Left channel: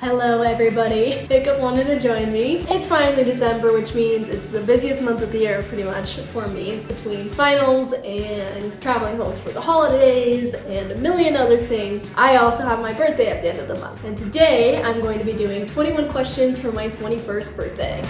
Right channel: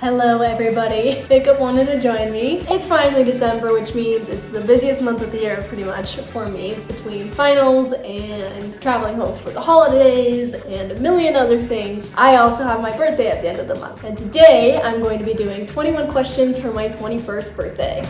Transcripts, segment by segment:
Hello everybody. Jacob wanted to join me. It's finally December, which means it's the busiest month of the year pretty much for me, between finals and traveling home for the holidays and a million other things. I also have my birthday at the end of the month, and today I'm going to be doing 21 questions for my 21st birthday.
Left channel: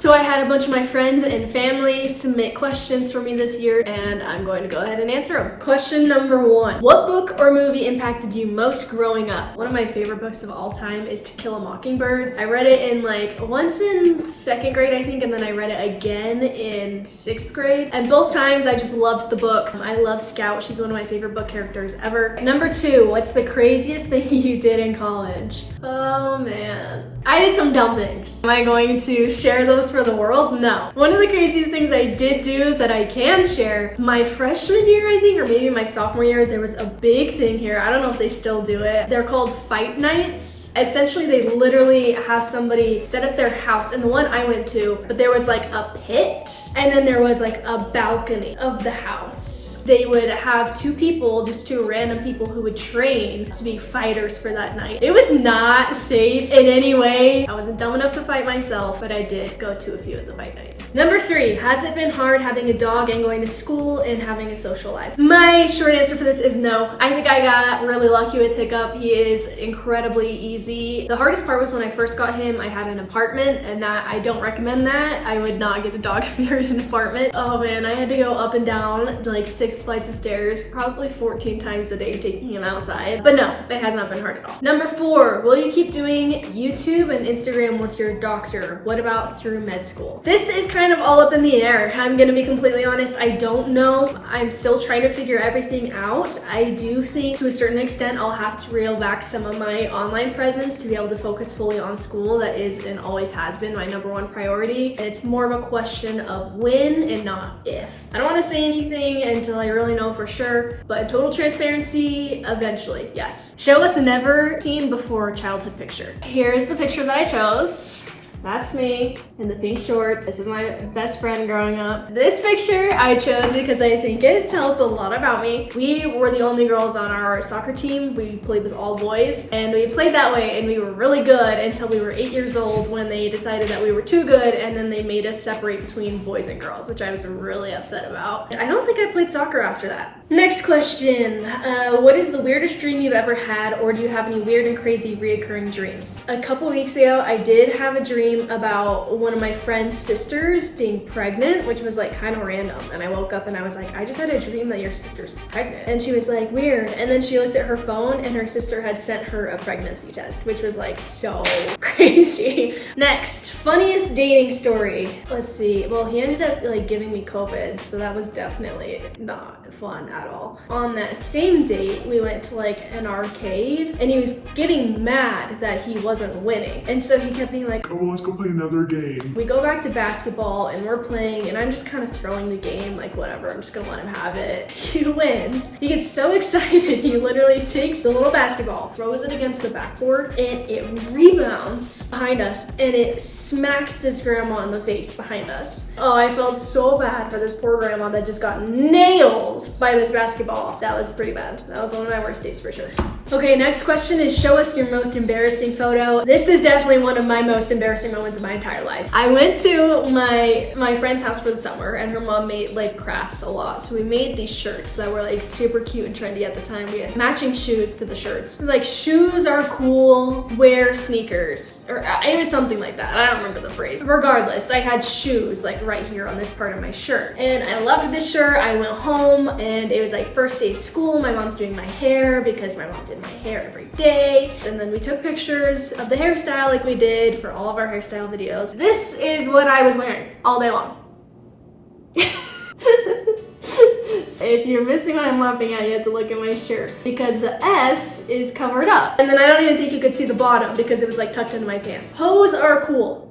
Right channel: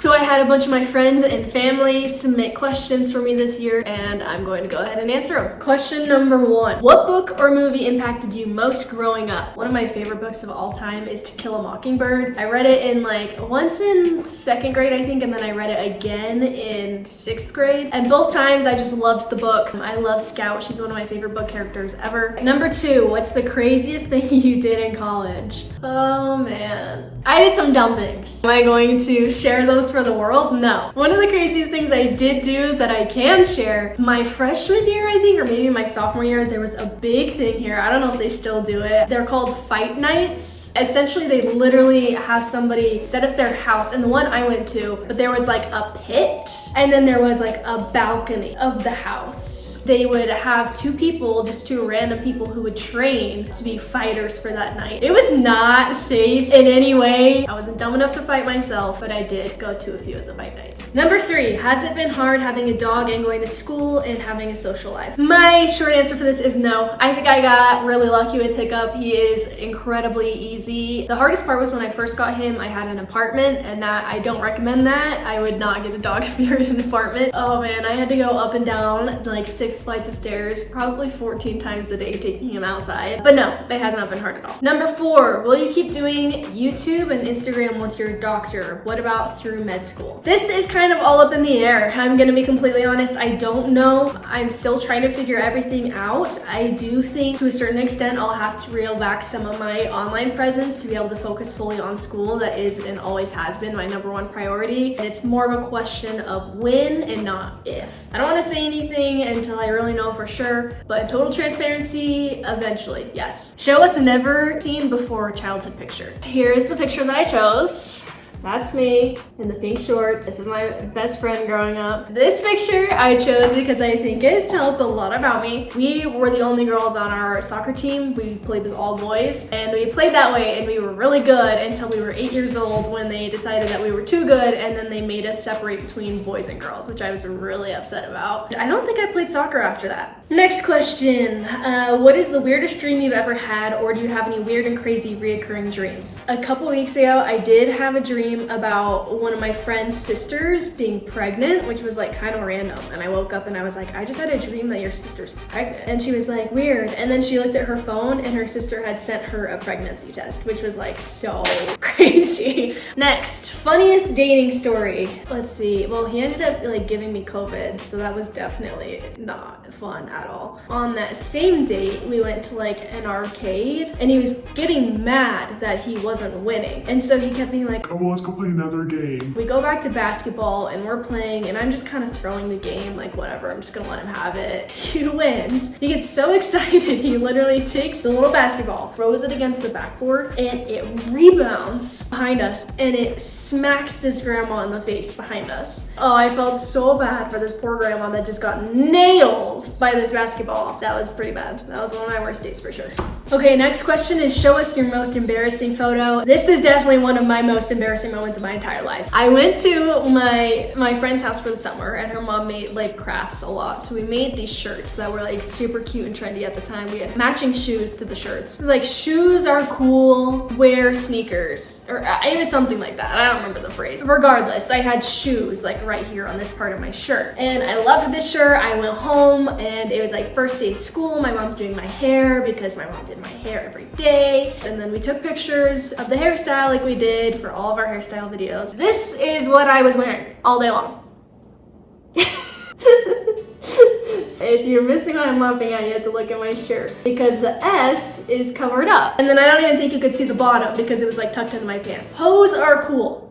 So I had a bunch of my friends and family submit questions for me this year, and I'm going to go ahead and answer them. Question number 1. What book or movie impacted you most growing up? One of my favorite books of all time is To Kill a Mockingbird. I read it in once in 2nd grade, I think, and then I read it again in 6th grade. And both times I just loved the book. I love Scout. She's one of my favorite book characters ever. Number 2, what's the craziest thing you did in college? Oh man. I did some dumb things. Am I going to share those for the world? No. One of the craziest things I did do that I can share, my freshman year, I think, or maybe my sophomore year, there was a big thing here. I don't know if they still do it. They're called fight nights. Essentially, they literally have somebody set up their house, and the one I went to, but there was a pit, and then there was a balcony of the house. They would have 2 people, just 2 random people who would train to be fighters for that night. It was not safe in any way. I wasn't dumb enough to fight myself, but I did go to a few of the fight nights. Number 3, has it been hard having a dog and going to school and having a social life? My short answer for this is no. I think I got really lucky with Hiccup. He is incredibly easy. The hardest part was when I first got him, I had an apartment, and that I don't recommend that. I would not get a dog if you're in an apartment. Oh man, I had to go up and down 6 flights of stairs, probably 14 times a day taking him outside. But no, it has not been hard at all. Number 4, will you keep doing YouTube and Instagram once you're a doctor? What about through med school? This is kind of all up in the air. I'm gonna be completely honest, I don't know. I'm still trying to figure everything out. I do think to a certain extent I'll have to reel back some of my online presence to be able to focus fully on school. That is and always has been my number 1 priority. And it's more of a question of when and not if. I don't want to say anything until I really know for sure, but in total transparency, eventually, yes. Show us a never seen before childhood picture. Here's the picture that I chose. That's me in the pink shorts. This is my best friend growing up. This picture I chose because I think it tells a lot about me. We were the only girls on our soccer team. We played with all boys, and we played that way, and we were really good until we were 8 years old when they decided that we were too good, and then they made us separate between boys and girls, which I was really upset about. I don't think I played soccer after that. Next question. What is the weirdest dream you've ever had, or do you have any weird and crazy reoccurring dreams? A couple weeks ago, I did have a dream about one of my friend's sisters being pregnant, which was kind of random. And I woke up and I was like, I just had a dream that your sister's pregnant. And she was like, weird. And then she looked at her phone and her sister had sent her a pregnancy test, which was so crazy. Next, funniest dating story. Let's see. Well, he ended up giving me COVID, so that was definitely not fun at all. On that same date, we went to an arcade, and he was getting mad that he wasn't winning. And so he kept being like, oh, well, let's go play another game. We go back to basketball and we're playing, and I'm just kind of throwing the game, whatever, I'm just gonna let him have it. He wins. He gets so excited, he literally takes the little basketball, throws it against the backboard, and it rebounds behind us, and it smacks his grandma in the face behind us. Oh, I felt so bad for this poor grandma that just got nailed by this basketball. That was pretty bad. That was one of my worst dates for sure. Okay, next question is, show us your most embarrassing photo. This is definitely one of my most embarrassing moments of my entire life. I went to my friend's house for the summer, and her mom made crafts a lot. So we made these shirts that were super cute and trendy at the time. We had matching shoes to the shirts. It was shoes are cool, wear sneakers. Or it was something like that. I don't remember the phrase. Regardless, I had shoes right here on this part of my shirt. And I loved this shirt. I went home, and it was first day of school. My mom's doing my hair because my mom did my hair every day. And then we took pictures of the hairstyle like we did for all of our hairstyle videos. This is what I was wearing all day long. If you're missing what I'm laughing at, you have to look at my shirt because the S is covered up. And then I don't even think you could see the bottom because it was tucked into my pants. Hoes are cool.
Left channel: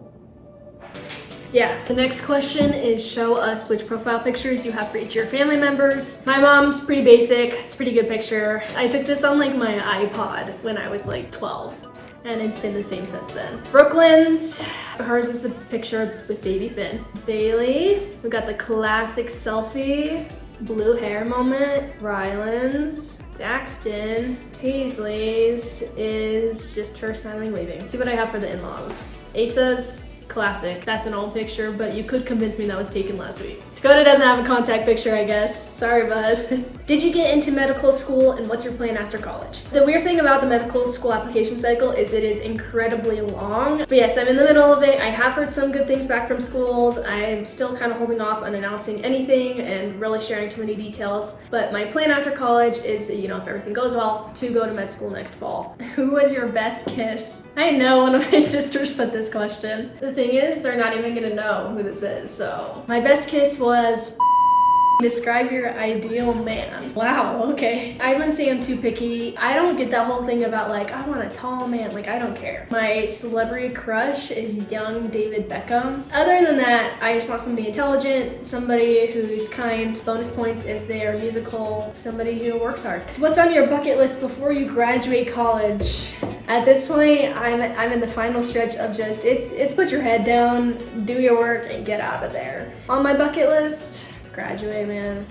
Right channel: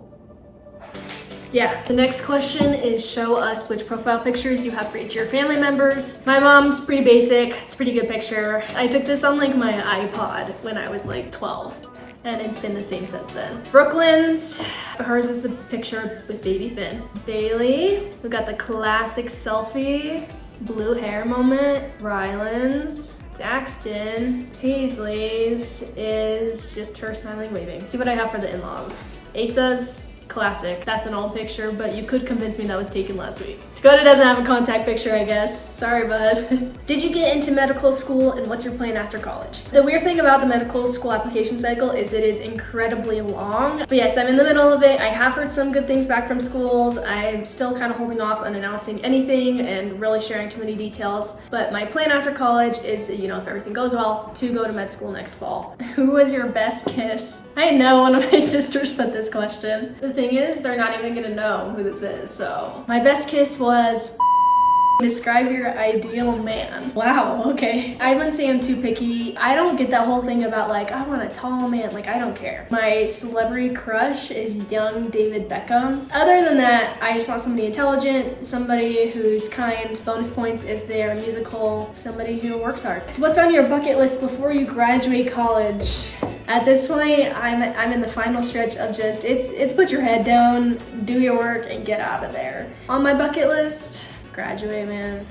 Yeah. The next question is, show us which profile pictures you have for each of your family members. My mom's pretty basic. It's a pretty good picture. I took this on my iPod when I was 12. And it's been the same since then. Brooklyn's, hers is a picture with baby Finn. Bailey, we got the classic selfie, blue hair moment. Rylan's, Daxton Paisley's is just her smiling, waving. See what I have for the in-laws. Asa's classic. That's an old picture, but you could convince me that was taken last week. Dakota doesn't have a contact picture, I guess. Sorry, bud. Did you get into medical school, and what's your plan after college? The weird thing about the medical school application cycle is it is incredibly long. But yes, I'm in the middle of it. I have heard some good things back from schools. I'm still kind of holding off on announcing anything and really sharing too many details. But my plan after college is, if everything goes well, to go to med school next fall. Who was your best kiss? I know one of my sisters put this question. The thing is, they're not even gonna know who this is, so. My best kiss was describe your ideal man. Wow, okay. I wouldn't say I'm too picky. I don't get that whole thing about like, I want a tall man. Like, I don't care. My celebrity crush is young David Beckham. Other than that, I just want somebody intelligent, somebody who's kind, bonus points if they are musical, somebody who works hard. What's on your bucket list before you graduate college? At this point, I'm in the final stretch of just, it's put your head down, do your work, and get out of there. On my bucket list, graduate, man.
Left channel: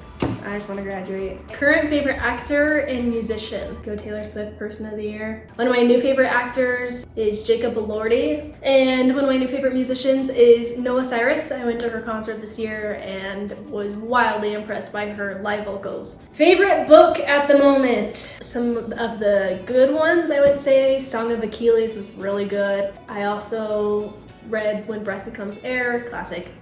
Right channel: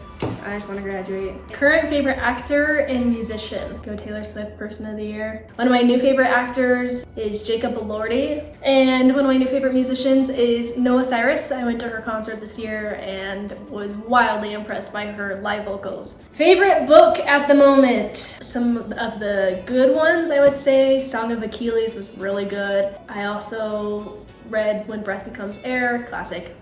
I just want to graduate. Current favorite actor and musician. Go Taylor Swift, Person of the Year. One of my new favorite actors is Jacob Elordi. And one of my new favorite musicians is Noel. I went to her concert this year and was wildly impressed by her live vocals. Favorite book at the moment. Some of the good ones, I would say. Song of Achilles was really good. I also read When Breath Becomes Air, classic.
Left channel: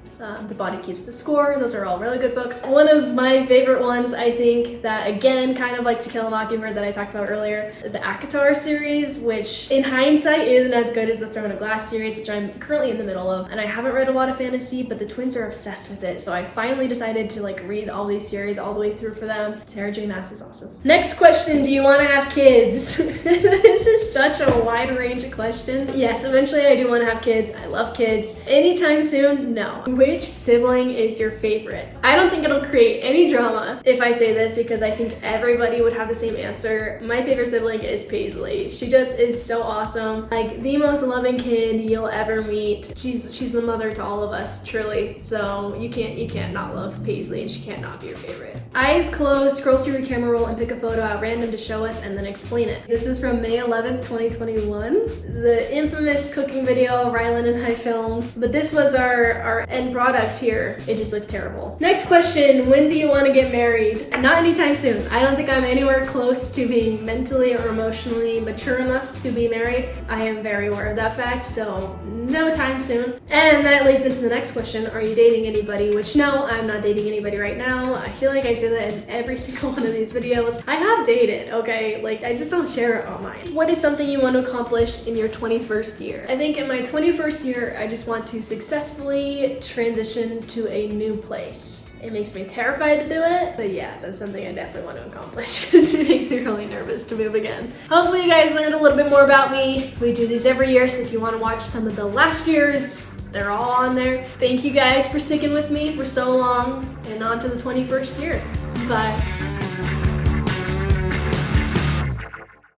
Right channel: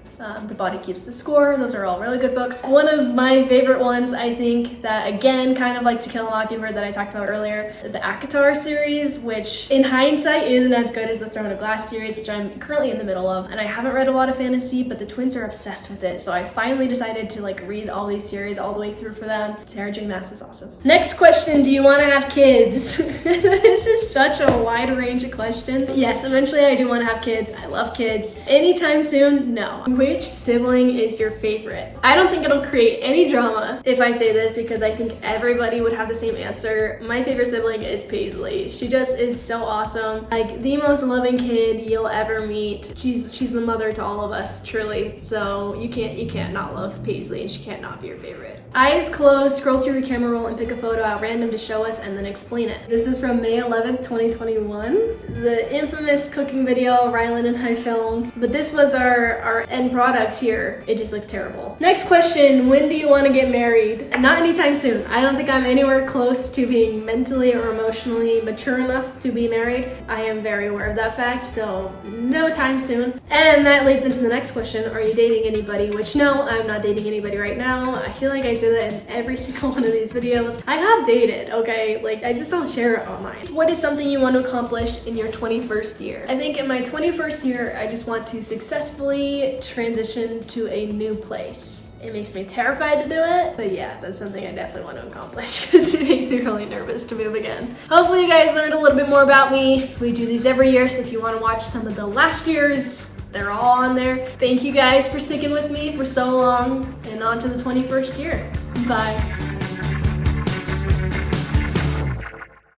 The Body Keeps the Score. Those are all really good books. One of my favorite ones, I think, that again, kind of like To Kill a Mockingbird that I talked about earlier, the ACOTAR series, which in hindsight isn't as good as the Throne of Glass series, which I'm currently in the middle of. And I haven't read a lot of fantasy, but the twins are obsessed with it. So I finally decided to read all these series all the way through for them. Sarah J. Maas is awesome. Next question, do you want to have kids? This is such a wide range of questions. Yes, eventually I do want to have kids. I love kids. Anytime soon? No. Which sibling is your favorite? I don't think it'll create any drama if I say this because I think everybody would have the same answer. My favorite sibling is Paisley. She just is so awesome. Like the most loving kid you'll ever meet. She's the mother to all of us, truly. So you can't not love Paisley and she can't not be your favorite. Eyes closed, scroll through the camera roll and pick a photo at random to show us and then explain it. This is from May 11th, 2021. The infamous cooking video Rylan and I filmed. But this was our end product here. It just looks terrible. Next question, when do you want to get married? Not anytime soon. I don't think I'm anywhere close to being mentally or emotionally mature enough to be married. I am very aware of that fact, so no time soon. And that leads into the next question, are you dating anybody? Which no, I'm not dating anybody right now. I feel like I say that in every single one of these videos. I have dated, okay? Like I just don't share it online. What is something you want to accomplish in your 21st year? I think in my 21st year, I just want to successfully transition to a new place. It makes me terrified to do it, but yeah, that's something I definitely want to accomplish because it makes me really nervous to move again. Hopefully you guys learned a little bit more about me. We do these every year, so if you want to watch some of the last year's, they're all on there. Thank you guys for sticking with me for so long, and on to the 21st year. Bye.